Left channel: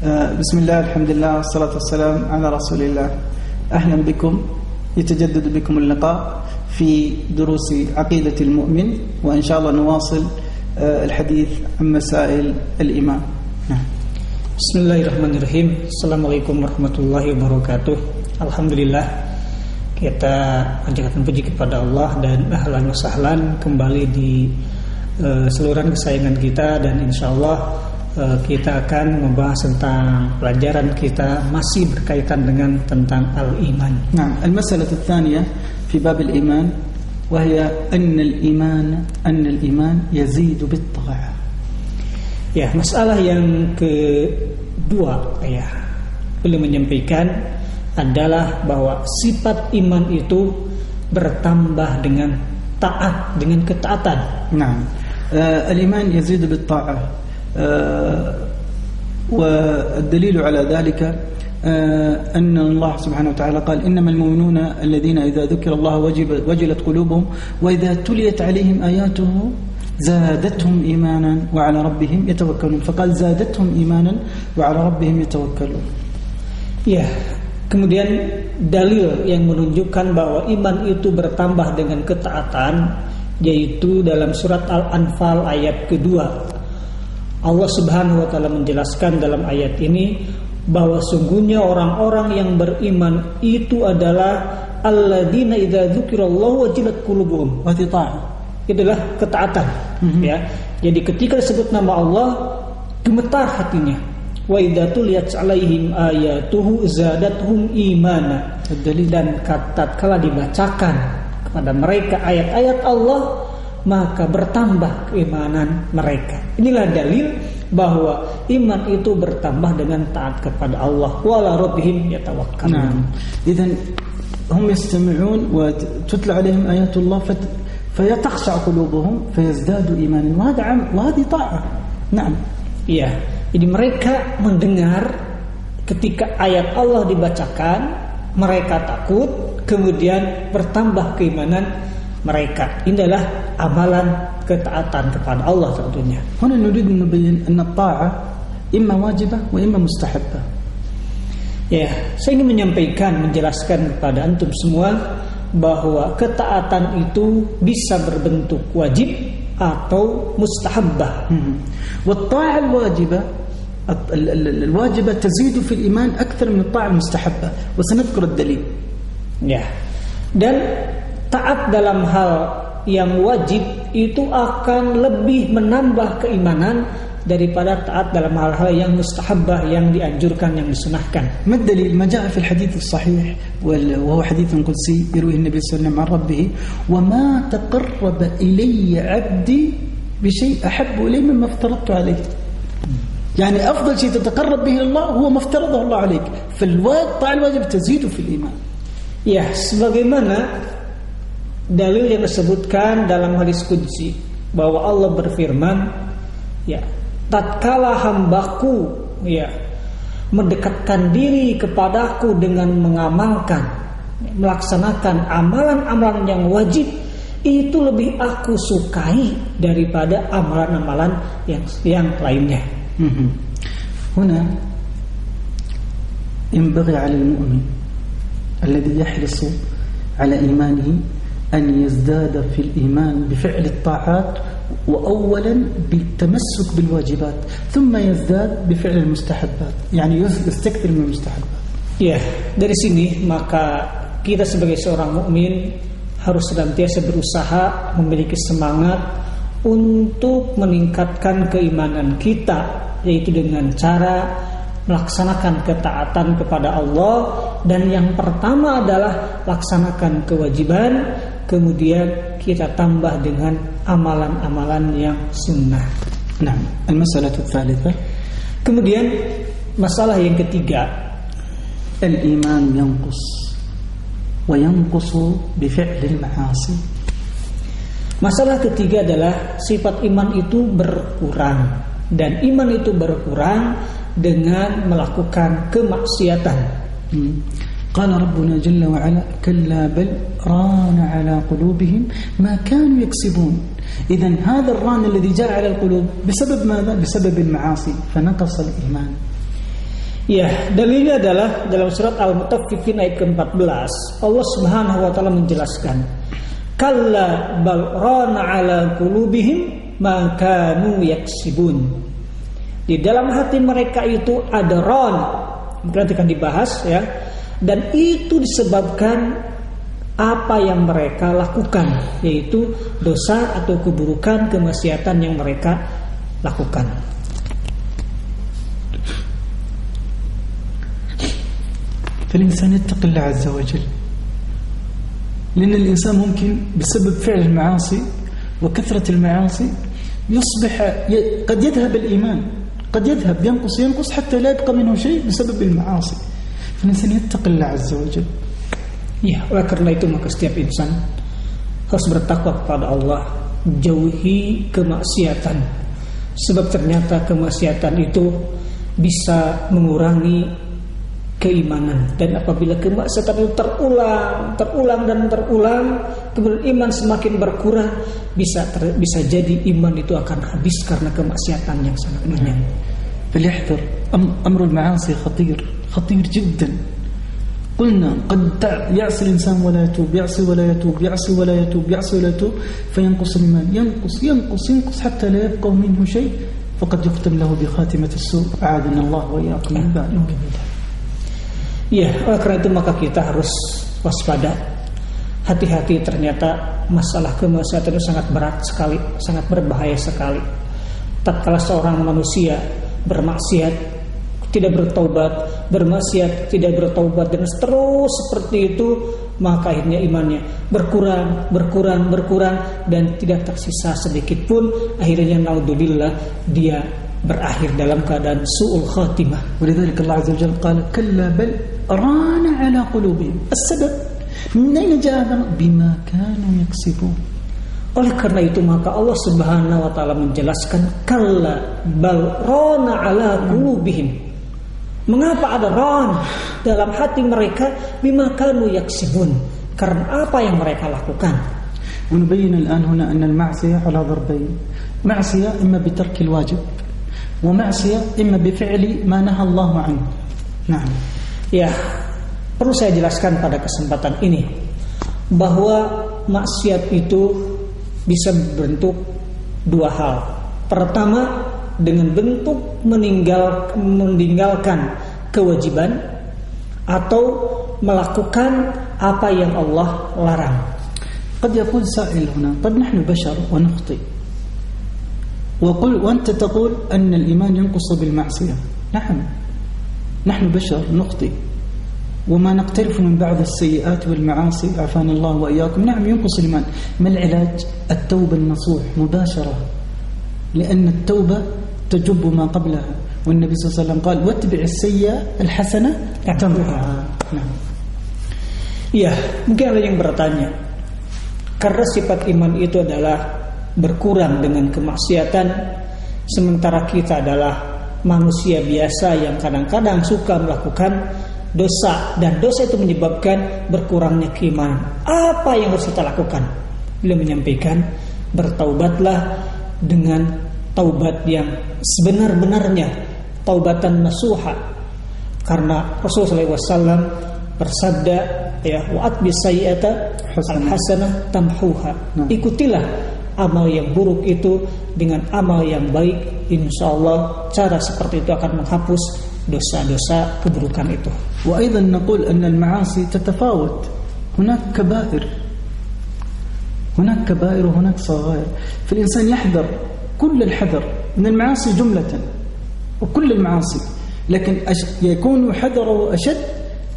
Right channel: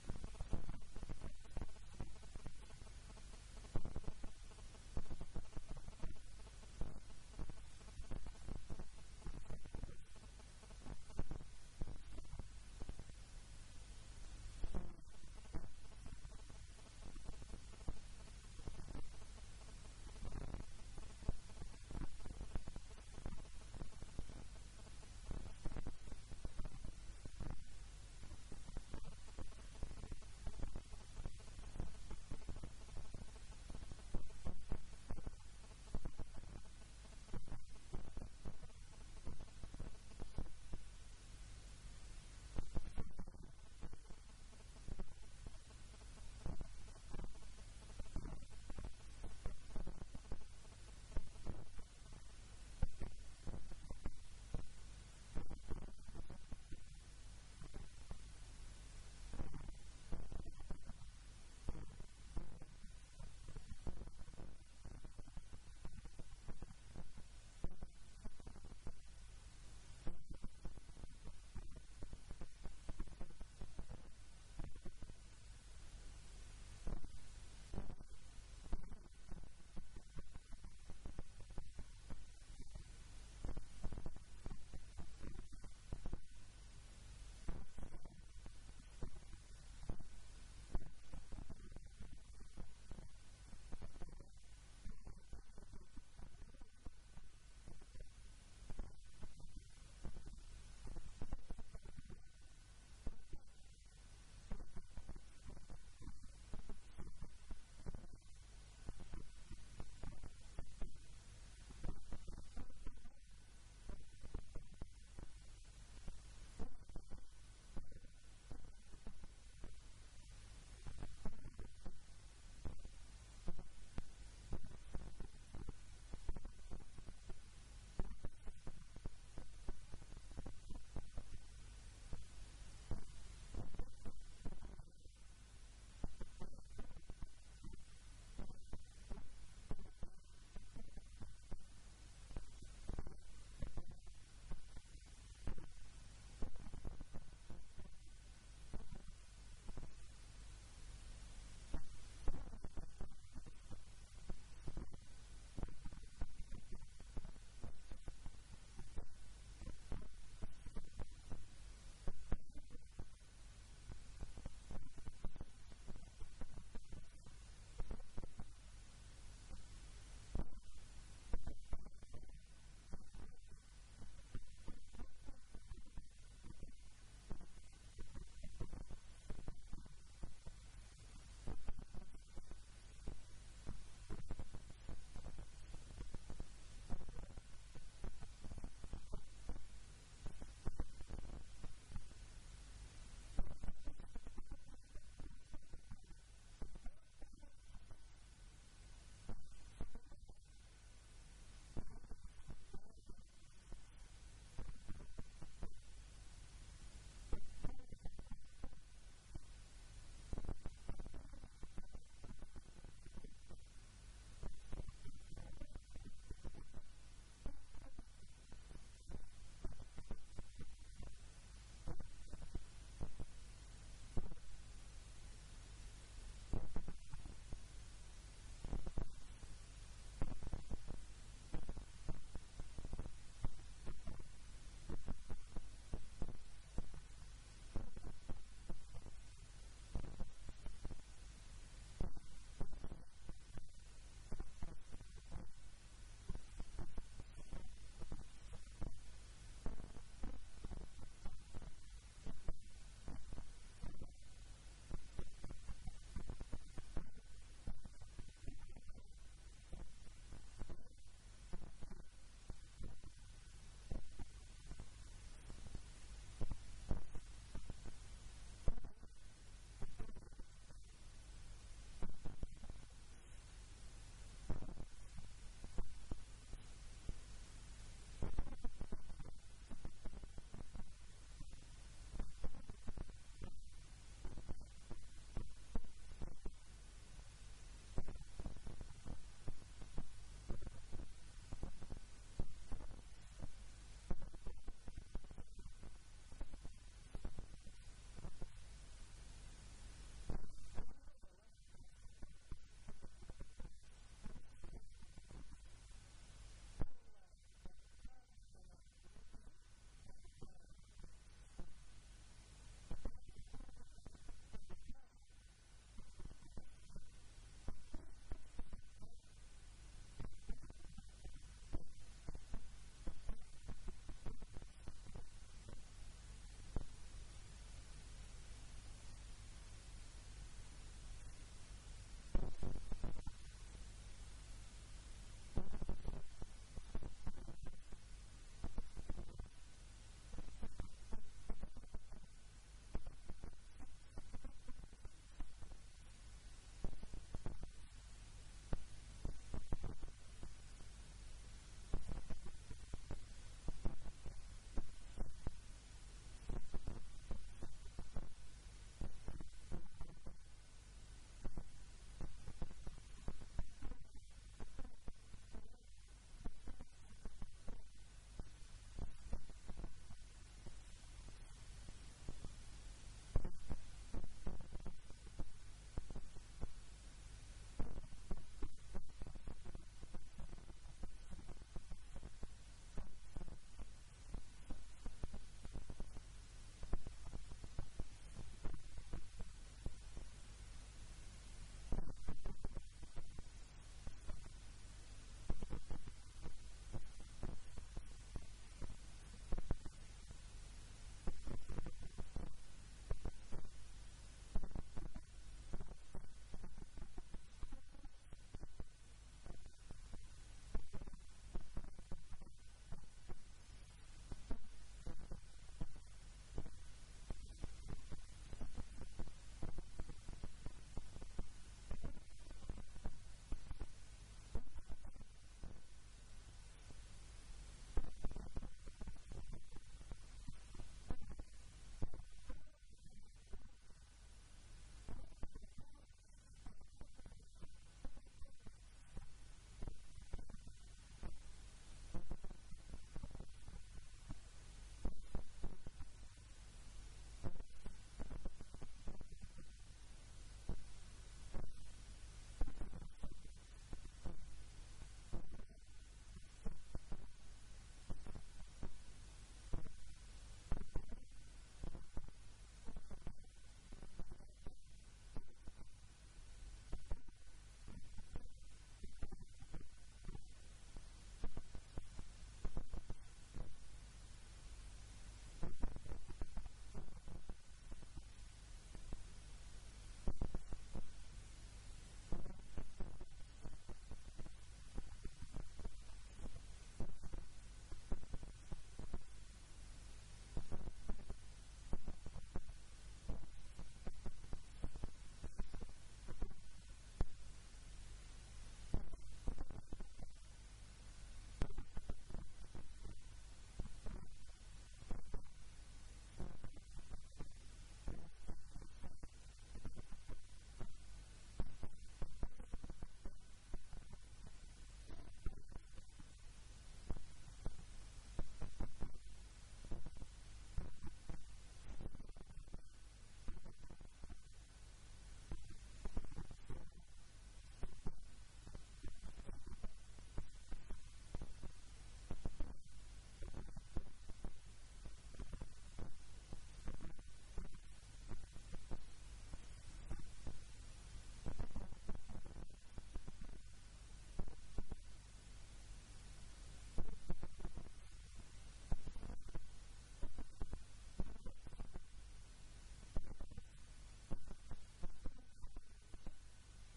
بسم الله الحمد لله والصلاة والسلام على رسول الله. أهلا بكم، يتجدد بكم اللقاء في دروس عقيدة المؤمن، وإن شاء الله نواصل الحديث عن مسائل الإيمان. Bismillahirrahmanirrahim. Assalamualaikum warahmatullahi wabarakatuh. Alhamdulillah, kita panjatkan puji kepada Allah dan ahlan wa sahlan kembali di saluran kesayangan kita, dan insyaallah kita akan membahas tentang pelajaran kita masih berkaitan dengan tentang al-iman. Nah, al-masalah الثانية في باب الإيمان وهي أن الإيمان يزيد بالطاعة. Ya, masalah yang kedua ya, beliau menyampaikan adalah bahwa sifat iman itu bertambah dengan taat, dengan ketaatan. Nah, الإيمان يزيد بالطاعة. والدليل على ذلك أن الله سبحانه وتعالى قال إنما المؤمنون الذين إذا ذكر الله وجلت قلوبهم وإذا تليت عليهم آياته زادتهم إيمانا وعلى ربهم يتوكلون. فقال زادتهم إيمانا وعلى ربهم يتوكلون. Ya, kemudian dalil yang menunjukkan bahwa iman itu bertambah dengan ketaatan yaitu dalam surat Al-Anfal ayat kedua. Allah Subhanahu wa taala menjelaskan dalam ayat ini bahwa sungguhnya orang-orang yang beriman itu adalah alladzina idza dzukirallahu wajilat qulubuhum. Itulah ketaatan. Ya. Jadi ketika disebut nama Allah, gemetar hatinya. Wa idza tuliyat 'alaihim ayatuhu zadatuhum imana. Dan tatkala dibacakan kepada mereka ayat-ayat Allah, maka bertambah keimanan mereka. Inilah dalil bahwa iman itu bertambah dengan taat kepada Allah. Wala rabbihim yatawakkalun. Idzan hum yastami'un wa tutla 'alaihim ayatullah fayatakhsha qulubuhum fayazdadu imanan wa hadhihi ta'ah. Naam. Iya. Jadi mereka mendengar ketika ayat Allah dibacakan, mereka takut, kemudian bertambah keimanan mereka. Ini adalah amalan ketaatan kepada Allah tentunya. Huna nurid nubayyin anna at-ta'ah imma wajibah wa imma mustahabbah. Ya, saya ingin menyampaikan, menjelaskan kepada antum semua bahwa ketaatan itu bisa berbentuk wajib atau mustahabbah. Wat-ta'ah al-wajibah الواجبة تزيد في الإيمان أكثر من الطاعة المستحبة وسنذكر الدليل. Ya. Dan taat dalam hal yang wajib itu akan lebih menambah keimanan daripada taat dalam hal-hal yang mustahabbah, yang dianjurkan, yang disunahkan. ما الدليل؟ ما جاء في الحديث الصحيح وهو حديث قدسي يرويه النبي صلى الله عليه وسلم عن ربه وما تقرب إلي عبدي بشيء أحب إلي مما افترضت عليه. يعني أفضل شيء تتقرب به الله هو ما افترضه الله عليك. فالطاعة الواجب تزيد في الإيمان. Ya, sebagaimana dalil yang disebutkan dalam hadis qudsi bahwa Allah berfirman, ya, tatkala hambaku ya mendekatkan diri kepadaku dengan mengamalkan, melaksanakan amalan-amalan yang wajib, itu lebih aku sukai daripada amalan-amalan yang lainnya. هنا ينبغي على المؤمن الذي يحرص على إيمانه أن يزداد في الإيمان بفعل الطاعات وأولا بالتمسك بالواجبات ثم يزداد بفعل المستحبات، يعني يستكثر من المستحبات. Ya, dari sini maka kita sebagai seorang mukmin harus senantiasa berusaha memiliki semangat untuk meningkatkan keimanan kita, yaitu dengan cara melaksanakan ketaatan kepada Allah, dan yang pertama adalah laksanakan kewajiban, kemudian kita tambah dengan amalan-amalan yang sunnah. Nah, al-masalah ats-tsalitsah. Kemudian masalah yang ketiga, al-iman yanqus wa yanqusu bi fi'l al-ma'asi. Masalah ketiga adalah sifat iman itu berkurang, dan iman itu berkurang dengan melakukan kemaksiatan. قال ربنا جل وعلا كلا بل ران على قلوبهم ما كانوا يكسبون. إذن هذا الران الذي جاء على القلوب بسبب ماذا؟ بسبب المعاصي فنقص الإيمان. Ya, dalilnya adalah dalam surat Al-Mutaffifin ayat ke-14. Allah Subhanahu wa taala menjelaskan, "Kalla bal rana 'ala qulubihim ma kanu yaksibun." Di dalam hati mereka itu ada ron. Nanti akan dibahas ya. Dan itu disebabkan apa yang mereka lakukan, yaitu dosa atau keburukan, kemaksiatan yang mereka lakukan. فالإنسان يتقي الله عز وجل، لأن الإنسان ممكن بسبب فعل المعاصي وكثرة المعاصي يصبح قد يذهب الإيمان، قد يذهب ينقص حتى لا يبقى منه شيء بسبب المعاصي. فالإنسان يتقي الله عز وجل. Ya, oleh karena itu maka setiap insan harus bertakwa kepada Allah, jauhi kemaksiatan. Sebab ternyata kemaksiatan itu bisa mengurangi keimanan, dan apabila kemaksiatan itu terulang dan terulang, kemudian iman semakin berkurang, bisa jadi iman itu akan habis karena kemaksiatan yang sangat banyak. فليحذر أمر المعاصي خطير جدا. قلنا قد يعصي الإنسان ولا يتوب، يعصي ولا يتوب، يعصي ولا يتوب، يعصي ولا يتوب، فينقص الإيمان، ينقص حتى لا يبقى منه شيء، فقد يختم له بخاتمة السوء. أعاذنا الله وإياكم من ذلك. Ya, oleh karena itu maka kita harus waspada, hati-hati. Ternyata masalah kemaksiatan itu sangat berat sekali, sangat berbahaya sekali. Tatkala seorang manusia bermaksiat, tidak bertaubat, bermaksiat, tidak bertaubat, dan terus seperti itu, maka akhirnya imannya berkurang, dan tidak tersisa sedikit pun. Akhirnya naudzubillah, dia berakhir dalam keadaan su'ul khatimah. ولذلك الله عز وجل قال كلا بل ران على قلوبهم. السبب من أين جاء بما كانوا يكسبون. Oleh karena itu maka Allah Subhanahu wa taala menjelaskan kalla bal rana ala qulubihim. Mengapa ada ran dalam hati mereka? Bima kanu yaksibun, karena apa yang mereka lakukan. ونبين الآن هنا أن المعصية على ضربين، معصية إما بترك الواجب، ومعصية إما بفعل ما نهى الله عنه. نعم. Ya, perlu saya jelaskan pada kesempatan ini bahwa maksiat itu bisa berbentuk dua hal. Pertama, dengan bentuk meninggalkan kewajiban atau melakukan apa yang Allah larang. قد يقول سائل هنا طب نحن بشر ونخطئ، وأنت تقول أن الإيمان ينقص بالمعصية. نعم، نحن بشر نخطئ وما نقترف من بعض السيئات والمعاصي، عافانا الله وإياكم. نعم ينقص الإيمان. ما العلاج؟ التوبة النصوح مباشرة، لأن التوبة تجب ما قبلها، والنبي صلى الله عليه وسلم قال واتبع السيئة الحسنة تمحها. نعم. Ya, mungkin ada yang bertanya, karena sifat iman itu adalah berkurang dengan kemaksiatan, sementara kita adalah manusia biasa yang kadang-kadang suka melakukan dosa, dan dosa itu menyebabkan berkurangnya keimanan. Apa yang harus kita lakukan? Beliau menyampaikan, bertaubatlah dengan taubat yang sebenar-benarnya, taubatan nasuha. Karena Rasulullah SAW bersabda, ya, wa'at bisayyi'ata al-hasanah tamhuha. Ikutilah amal yang buruk itu dengan amal yang baik, insyaallah cara seperti itu akan menghapus dosa-dosa keburukan itu. وأيضا نقول أن المعاصي تتفاوت، هناك كبائر وهناك صغائر، فالإنسان يحذر كل الحذر من المعاصي جملة وكل المعاصي، لكن يكون حذره أشد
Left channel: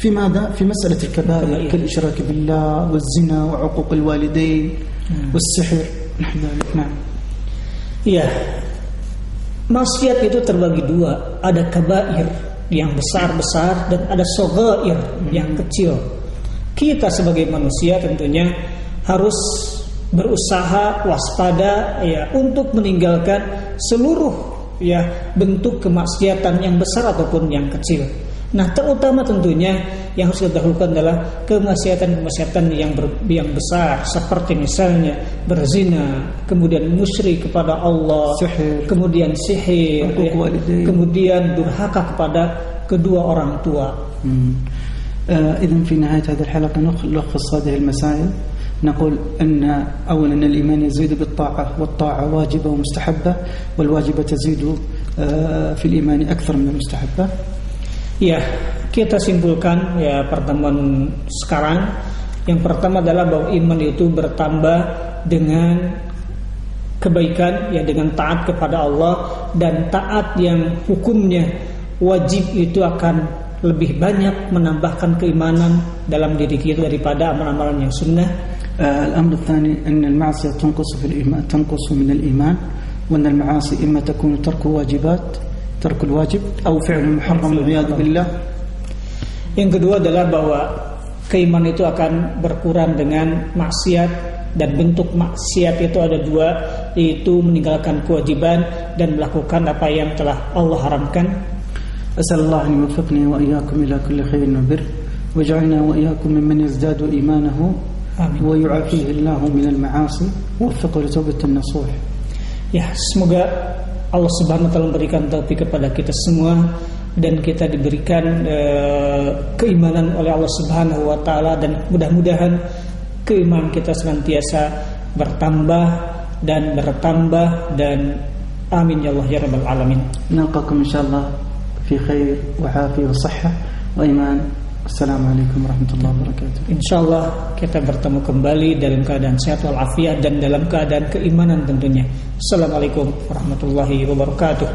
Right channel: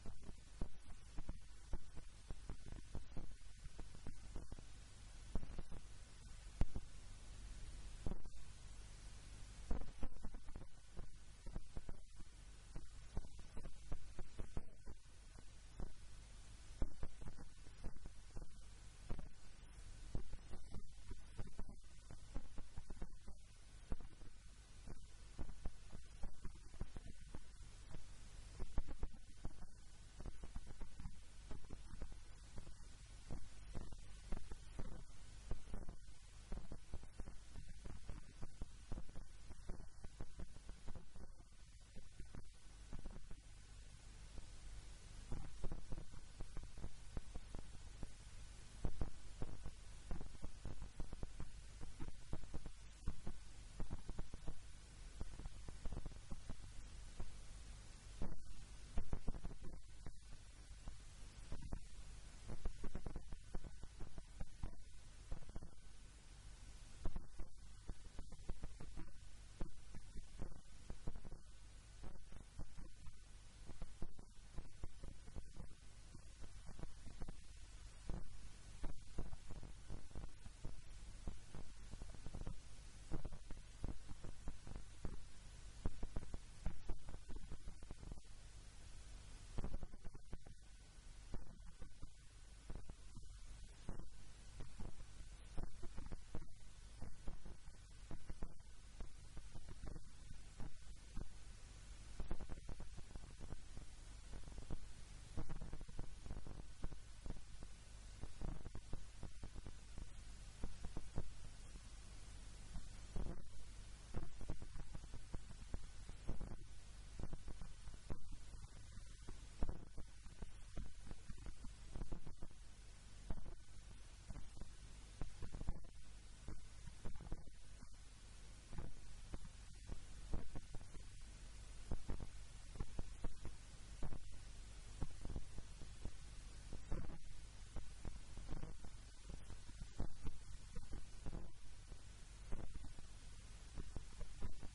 في ماذا؟ في مسألة الكبائر كالإشراك بالله والزنا وعقوق الوالدين والسحر نحو ذلك. نعم. Ya, maksiat itu terbagi dua, ada kabair yang besar-besar dan ada shaghair yang kecil. Kita sebagai manusia tentunya harus berusaha waspada ya untuk meninggalkan seluruh ya bentuk kemaksiatan yang besar ataupun yang kecil. Nah, terutama tentunya yang harus kita dahulukan adalah kemaksiatan-kemaksiatan yang besar, seperti misalnya berzina, kemudian musyrik kepada Allah, kemudian sihir, ya, kemudian durhaka kepada kedua orang tua. إذن في نهاية هذه الحلقة نلخص هذه المسائل. نقول أن أولا الإيمان يزيد بالطاعة، والطاعة واجبة ومستحبة، والواجبة تزيد في الإيمان أكثر من المستحبة. Ya, kita simpulkan ya pertemuan sekarang. Yang pertama adalah bahwa iman itu bertambah dengan kebaikan, ya dengan taat kepada Allah, dan taat yang hukumnya wajib itu akan lebih banyak menambahkan keimanan dalam diri kita daripada amalan-amalan yang sunnah. الأمر الثاني أن المعصية تنقص في الإيمان، تنقص من الإيمان، وأن المعاصي إما تكون ترك واجبات، ترك الواجب، أو فعل محرم والعياذ بالله. Yang kedua adalah bahwa keimanan itu akan berkurang dengan maksiat, dan bentuk maksiat itu ada dua, yaitu meninggalkan kewajiban dan melakukan apa yang telah Allah haramkan. أسأل الله أن يوفقني وإياكم إلى كل خير وبر، وجعلنا وإياكم ممن يزداد إيمانه ويعافيه الله من المعاصي ووفقه لتوبة النصوح. Ya, semoga Allah Subhanahu wa taala memberikan taufik kepada kita semua dan kita diberikan keimanan oleh Allah Subhanahu wa taala, dan mudah-mudahan keimanan kita senantiasa bertambah dan amin ya Allah ya rabbal alamin. نلقاكم إن شاء الله في خير وعافية وصحة وإيمان. Assalamualaikum warahmatullahi wabarakatuh. Insyaallah kita bertemu kembali dalam keadaan sehat walafiat dan dalam keadaan keimanan tentunya. Assalamualaikum warahmatullahi wabarakatuh.